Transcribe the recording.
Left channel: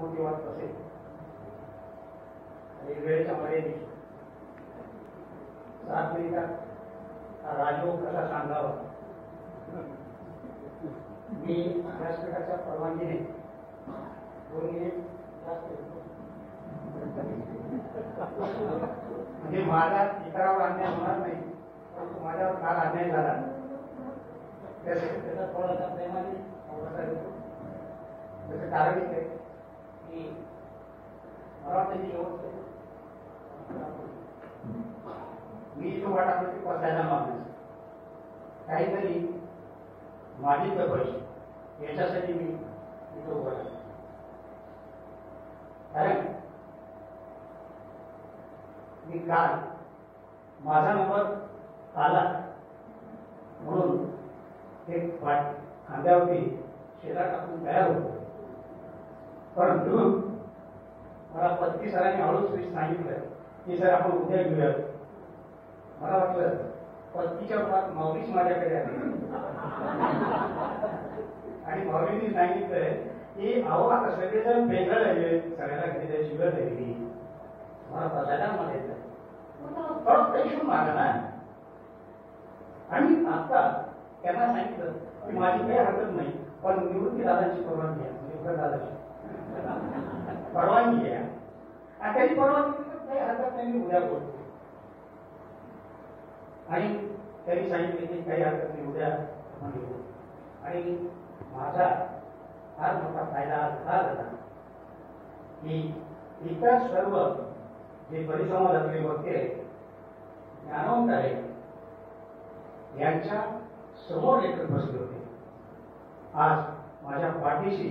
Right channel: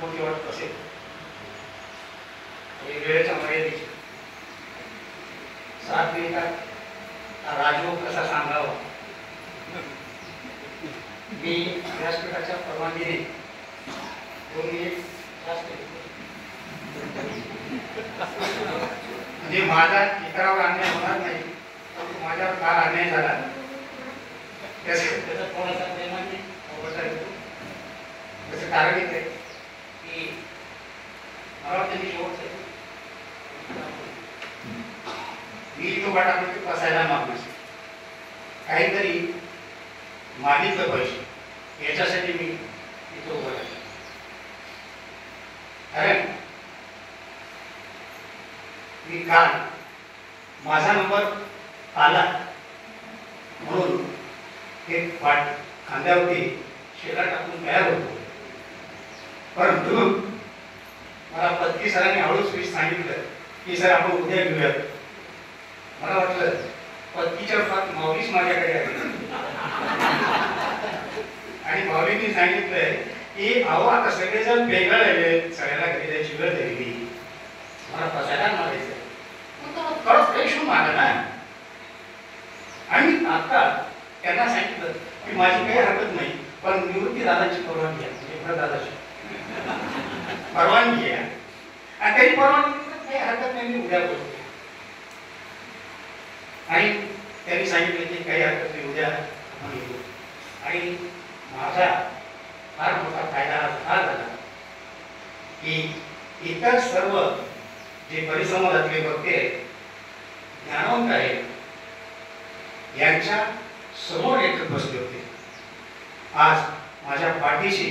मोठी वाटत असेल आणि वेळेच्या मर्यादेची 7 मिनिटात राजयोग कसा सांगावा मी व्यासपीठाच्या परवानगीने 2 मिनिट जास्त म्हणजे माझा इतरावर अन्याय होणार नाही परंतु माझ्यावर काल अन्याय झाला त्याचा थोडासा प्रेमाने अवघडता येतो. त्याचं कारण येते की मला त्यांनी शेवटचं मी इथं वाटामध्ये बसायला मागणार काहीतरी मागितलं पाहिजे याच्यासाठी मी इथं उभा राहिलो. कारण मी काल माझा नंबर आला म्हणून एक पाठ खांद्यावरती शेला टाकून तयार होतो. परंतु मला पत्की सरांनी हळूच सांगितलं की सर आपण उद्या घेऊयात. मला वाटलं पत्कीच्या रूपात माऊलीच माझ्याकडे आहे आणि माऊलींनी सांगितलंय की अहो आता सगळेजण वेगळं राहिले सगळ्याला घरी जायची वेळ झाली मला बसायला मागायचं परत पैशू मागा ना. आणि आता त्यांना सांगितलं की माझी काही हरकत नाही पण निवृत्ती दादाची परवानगी आहे म्हणजे दादाची परवानगी आहे आणि त्यांनी परवानगी काही हरकत नाही मी उद्या बोलतो. आणि त्यांनी सांगितलं की काही हरकत नाही उद्या आणि माझा फार मोठा फायदा हा झाला की इतर सर्व जे परिसंवादातले वक्ते ज्ञानवंत आहेत यांच्या समोर लेखक बसले होते. आज माझ्या पाठीशी